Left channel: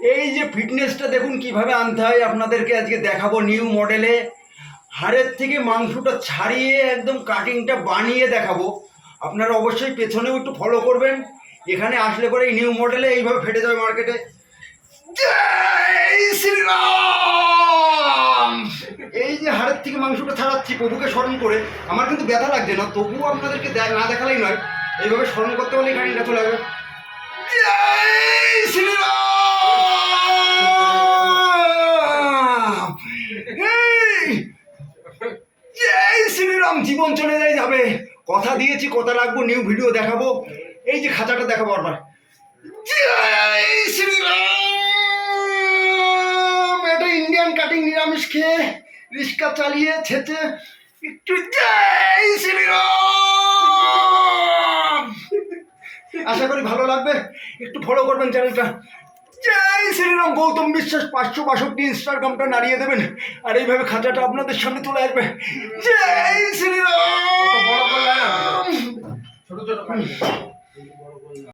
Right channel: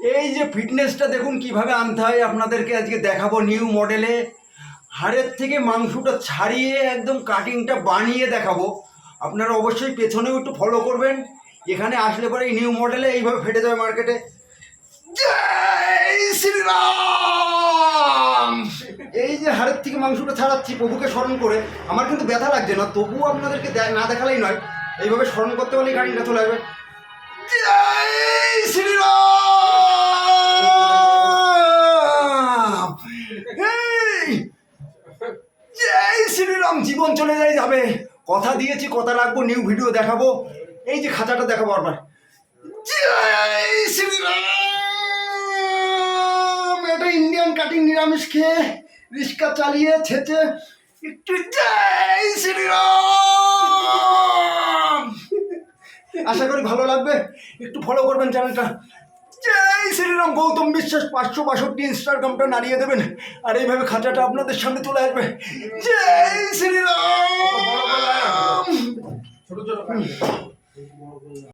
এই যে ফিটনেসটা দেখুন কিভাবে আনতে হয়, আপনাদেরকে আজকে দেখাবো নিউ মডেলে। হাড়ের থেকে মাংসটা ছাড়িয়ে একদম কাটিংটা বানিয়ে দেখাবো। আপনারা অবশ্যই পেছনেও একটু ফলো করবেন। এখানে আসলে পরে এই নিউ মডেলে এইভাবে ফেটে যাবে মার্কেটে। জয় শ্রীরাম। এই যে হাড়ের থেকে মাংসটা ছাড়াচ্ছি প্রভুকে স্মরণ করে, আমার কিন্তু ব্যথা লাগছে না, তবুও আপনাদেরকে না দেখালেই নয়, এইভাবে স্মরণ করতে হলে কাটিংটা চলে যাবে। জয় শ্রীরাম। জয় শ্রীরাম। জীবন চলে যাবে, কথা দিয়েছি, কথা রাখবো, নিউ ভিডিও দেখাবো। এই যে খাঁচাটা দেখাবো আবার। জয় শ্রীরাম। এটা ইন্ডিয়ান কাটিং, নিরামিষ খেয়ে রিক্সা চালিয়ে ছেচে একটু জয় শ্রীরাম। আশা করি ভালো লাগবে, একটু ফলো করবেন চ্যানেলটা। জয় শ্রীরাম। গৌতম বিশ্বাস 562 ইনস্টাগ্রামটা নাড়িয়ে দেবেন, আর এইভাবে খাঁচাটা আপনাদের সামনে চলে আসবে। জয় শ্রীরাম।